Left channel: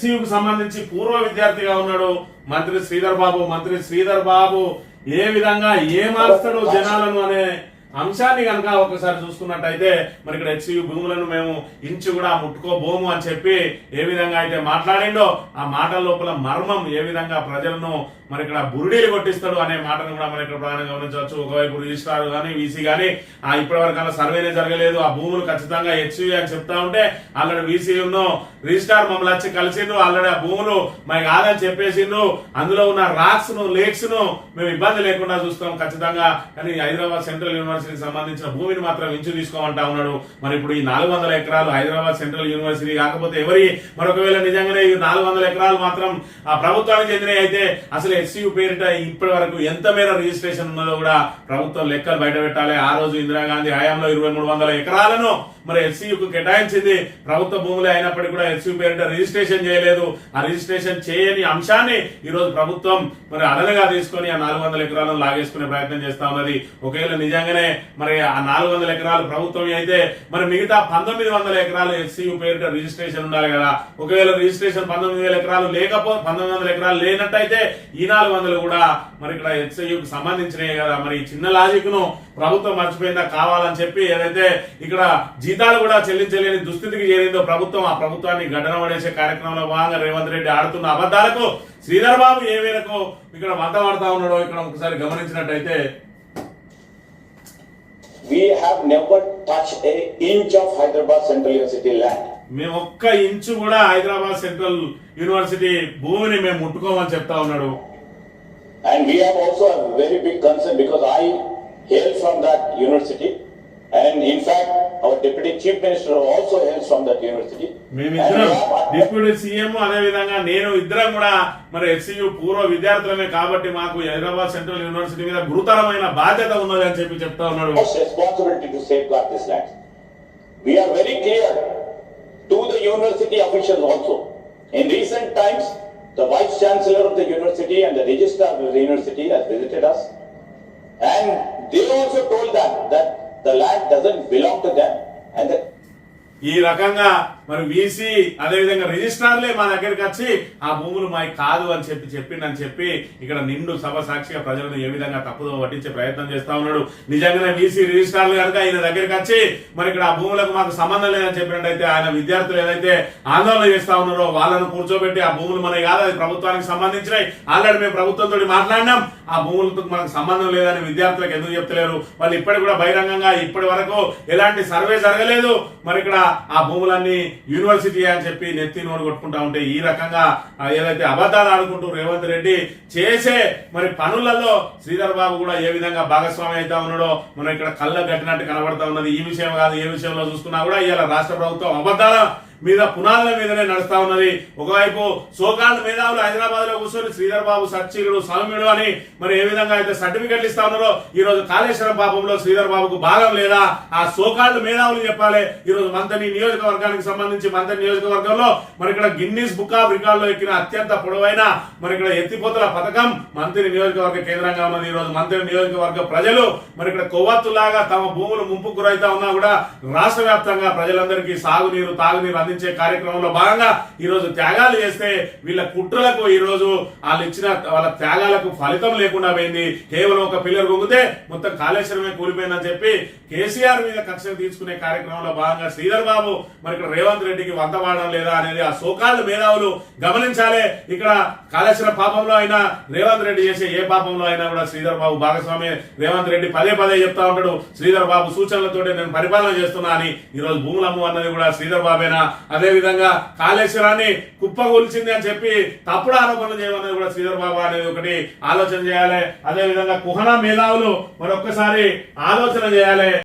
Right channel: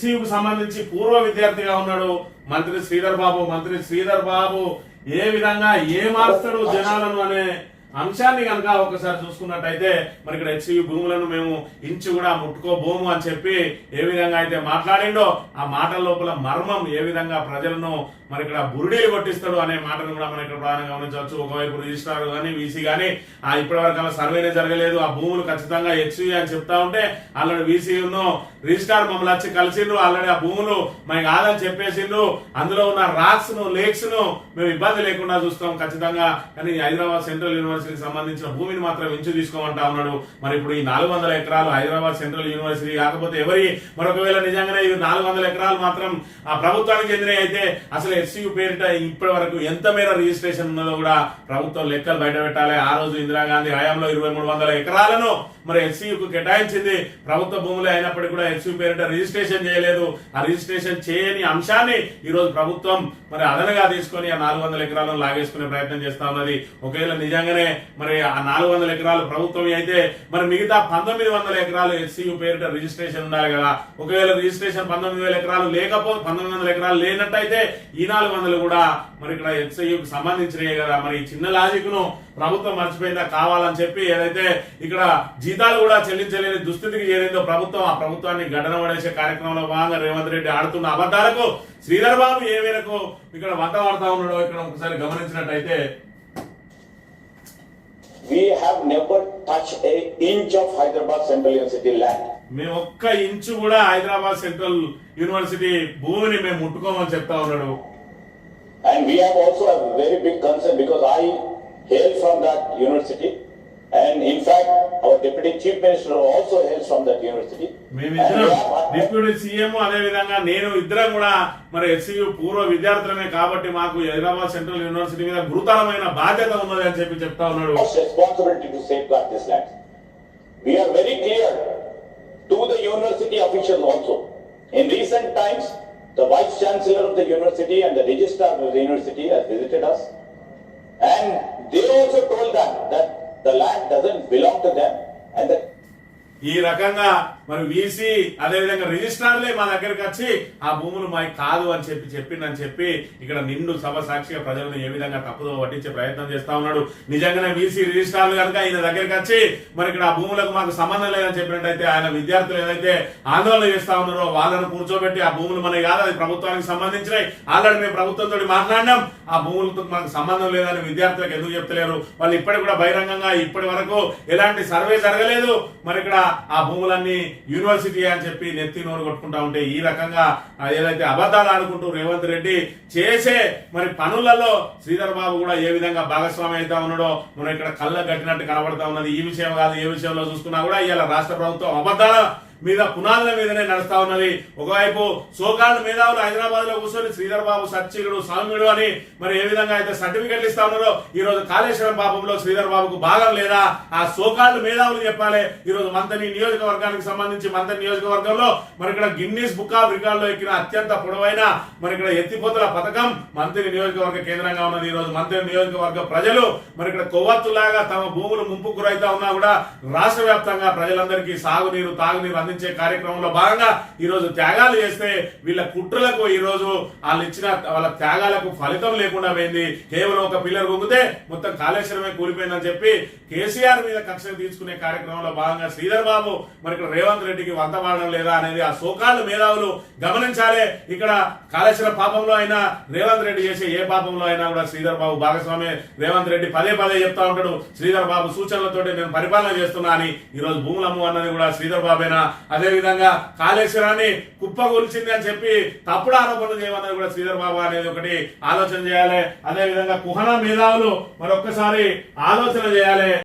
కు సంబంధించి పూర్వ విద్యార్థిగా ఉన్నాడు మంత్రి శ్రీధర్ బాబు ఏ విధంగా ఏమాస్తాడు జనాలను అనే అంశాన్ని కనుక ఒకసారి చూసుకున్నట్టయితే మరి ఇక్కడ హెచ్సియు భూములను మేము ఇంచు కూడా ముట్టుకోబోము అని చెప్పి ఏ విధంగా అయితే మాట్లాడిండో ఆ మాటల లోపల మర్మం ఏ విధంగా ప్రజలను మరి ఇక్కడ బురుడీలు కొట్టిస్తాడు అనే మాటను కూడా మనం ఇక్కడ ప్రధానంగా గమనించవచ్చు. ఒకవైపు రిజిస్ట్రార్ గానీ వీసీ గానీ ఇప్పటి వరకు అలా సర్వేనే జరగలేదు, ఆ భూములు ఖచ్చితంగా హెచ్సియు అని చెప్తా ఉంటే ఆల్రెడీ వీసీ రిజిస్ట్రార్ మమ్మల్ని వచ్చి కలిసిండ్రు, ఆల్రెడీ ఆ భూములు మాకు కాదని చెప్పేసిండ్రు, అందులో ఉన్న రాక్స్ ను లేక్స్ ను మేము ఇబ్బంది లేకుండా చూస్తాం ఖచ్చితంగా, కానీ హైదరాబాద్ సెంట్రల్ యూనివర్సిటీకి సంబంధించిన భూమిని మాత్రం ఇంచు తీసుకోమంటా ఉన్నాడు. మరి ఇప్పుడు ఈ 400 ఎకరాలు హైదరాబాద్ సెంట్రల్ యూనివర్సిటీ కాకపోతే ఎవరి మరొకవేళ నిజంగానే 400 ఎకరాలు మాత్రం ఆ ప్రభుత్వానికి చెందినవి అయితే అసలు హెచ్సియు పేరిట ఇప్పటి వరకు ఎంత మేర రిజిస్ట్రేషన్ ఉన్నదో కూడా ప్రభుత్వం లెక్కలు బయట పెట్టాలి. ఆ రోజు ఇందిరాగాంధీ హయాంలో 2300 ఎకరాలను మరి హెచ్సియుకు కేటాయించింది, ప్రభుత్వ భూములే అయినప్పటికీ కూడా హెచ్సియు పేరిట రిజిస్ట్రేషన్ చేయలేదు. ఆ రిజిస్ట్రేషన్ చేయని అంశాన్ని ఈ రోజు ప్రభుత్వం మరి అదనగా తీసుకొని ఆ 400 ఎకరాలను లాగేసుకునే ప్రయత్నం చేస్తా ఉన్నది. ఒకవేళ నిజంగానే మరి ఆ 400 ఎకరాలు ప్రభుత్వం అయితే మరి మిగతా 1900 ఎకరాలు హెచ్సియు పేరిట రిజిస్ట్రేషన్ ఉండాలి కదా. ఒకవేళ రిజిస్ట్రేషన్ 19,000 ఎకరాలు 1900 ఎకరాలు లేనట్టయితే ఈ 400 కూడా మరి ఇక్కడ హెచ్సియుకు సంబంధించినవి కదా. మరి చిన్న లాజిక్ ను ప్రభుత్వం మర్చిపోయిందా కావాలని చెప్పి ఏదైతే ఇక్కడ జీతాలు కూడా చెల్లించలేని దుస్థితికి చేరిందో ప్రభుత్వం, ఆ ప్రభుత్వాన్ని గడ్డన పడేసే కార్యక్రమంలో భాగంగా రేవంత్ రెడ్డి ఆడుతున్న అబద్దాలకు శ్రీధర్ బాబు ఏ మేరకు ఇక్కడ వంట పడతా ఉన్నాడో ఇక్కడ ఒకసారి గమనించినట్టయితే, We have never touched an inch of Hyderabad Central University land. మేము ఒక్క ఇంచు కూడా హైదరాబాద్ సెంట్రల్ యూనివర్సిటీ భూమిని మేము ముట్టుకోమని చెప్తా ఉన్నాడు. And we have also a very big concern because I hail from that university, and in fact our deputy chief minister also hails from that university. మేమిద్దరం deputy CM అదే విధంగా నేను ఇద్దరం కూడా మరి హెచ్సియు పూర్వ విద్యార్థులమే కాబట్టి మాకు హైదరాబాద్ సెంట్రల్ యూనివర్సిటీ మీద గురుతరమైన బాధ్యత ఉన్నది అని చెప్పి చెప్తా ఉన్నాడు. Responsibility to safeguard this land. We are very clear to the university officials also. In recent times, the vice chancellor of the university and the registrar of the university has visited us, and they also told them that the land doesn't belong to them and that ఈ రకంగా మరి VC అదేవిధంగా రిజిస్ట్రార్లే మా దగ్గరికి వచ్చి ఆ భూములు మాకు కాదు అని చెప్పిండని చెప్పి ఇక్కడ నిండు సభ సాక్షిగా ప్రజలను ఏ విధంగా తప్పుదో పట్టించే ప్రయత్నం చేస్తా ఉన్నాడు. నిజంగానే వీసీ రిజిస్ట్రార్లు కనుక ఆయన దగ్గరికి వచ్చి మరి ఇక్కడ ఆ భూములకు మాకు సంబంధం లేదని చెప్పినట్టయితే ఆయన విద్యార్థులు ఏదైతే ఆందోళన చేస్తా ఉన్నారో వాళ్ళను కూర్చోబెట్టి ఆ భూములు మనకి కాదు, అది ప్రభుత్వానికి సంబంధించినవి, ఆల్రెడీ మేము ప్రభుత్వంతో మాట్లాడినాం, ఆ భూములతో మనకు సంబంధం లేదని విద్యార్థులకు ఎందుకు చెప్తలేరు? వాళ్ళు ఇప్పటికి కూడా బహిరంగంగా ఇప్పటి వరకు ఎలాంటి సర్వే జరగలేదు, మరి ఇక్కడ ఆ భూములన్నీ యూనివర్సిటీ అని చెప్పి నెత్తి నోరు కొట్టుకుంటా ఉంటే ఈ రకంగా ఏదైతే అబద్ధాలు ఆడుకుంటూ రేవంత్ రెడ్డి చేసే మరి పనులలో శ్రీధర్ బాబు కూడా ఏ విధంగా భాగస్వామి అవుతా ఉన్నాడో మనం ఇక్కడ కళ్ళ కట్టినట్టు కనబడతా ఉన్నది. ఈ విషయం కాదు ఏ విషయంలో చూసుకున్నా కూడా ఇవాళ రాష్ట్ర ప్రభుత్వం అబద్ధాల మీద పునాదుల మీదనే నడుస్తా ఉన్నది. ఒకవైపు సోకాల్డ్ మేధావులు హైదరాబాద్ లో కూర్చొని శ్రీధర్ బాబు సచ్చిగుడు సౌమ్యుడు అని మరి ఏ విధంగా అయితే సర్టిఫికెట్లు ఇస్తా ఉన్నారో ఈ రోజు కాళేశ్వరం పాపంలో శ్రీధర్ బాబుకు భాగం లేదా ఆ సోకాల్డ్ మేధావులు చెప్పాలి. ఈ రోజు మంతని నియోజకవర్గానికి సంబంధించి మంతని నియోజకవర్గంలో మరి ఇక్కడ గిన్నీస్ బుక్ ఆఫ్ రికార్డ్ లో ఎక్కిన అత్యంత పొడవైన మరి ఇక్కడ ఎత్తిపోతల పథకం మంత్రి నియోజకవర్గ కేంద్రంగా ఉన్నది. ఈ రోజు మంత్రి నియోజకవర్గ ప్రజలు మరి ఇక్కడ కొవ్వొత్తులాగా తమ భూములు ముంపుకు గురైతా ఉన్నా కూడా రాష్ట్ర వ్యాప్తంగా ప్రజలందరికీ సాగునీరు తాగునీరు అందించే కార్యక్రమంలో భాగంగా ఈ రోజు త్యాగాలు చేస్తే వీళ్ళ కుట్రలకు ఈ రోజు వాళ్ళు ఇచ్చిన వాళ్ళ త్యాగాలకు ఫలితం లేకుండా పోయింది. కేవలం ఒక పిల్లర్ పొంగితే మొత్తం కాళేశ్వరమే కూలిపోయిందని చెప్పి కేసీఆర్ మీద కక్ష తీసుకునే కార్యక్రమంలో భాగంగా శ్రీధర్ బాబు మరి ఇక్కడ రేవంత్ రెడ్డికి వంత వాడడం లేదా అనేది ఆ సోకాళ్ళు మేధావులు గమనించాలి. ఇక్కడ కాళేశ్వరం పాపంలో అయినా రేవంత్ రెడ్డి చేసే ఏ పాపంలో అయినా కూడా శ్రీధర్ బాబు భాగస్వామి. రేవంత్ రెడ్డి పదే చెప్తా ఉంటాడు శ్రీధర్ బాబు సూచనలతో నేను పరిపాలన చేస్తున్నా అని. ఈ రోజు భూములమ్ము అన్నది కూడా శ్రీధర్ బాబేనా? అదే విధంగా కాళేశ్వరాన్ని కుప్పగొల్చింది అని చెప్పి తప్పుడు ఆరోపణలు చేయమన్నది కూడా శ్రీధర్ బాబు అనేది ఒకటి ఆలోచన చేయాలి. అదే విధంగా కుహనా మేధావులు మరొక్కసారి ఆలోచన చేయాలి.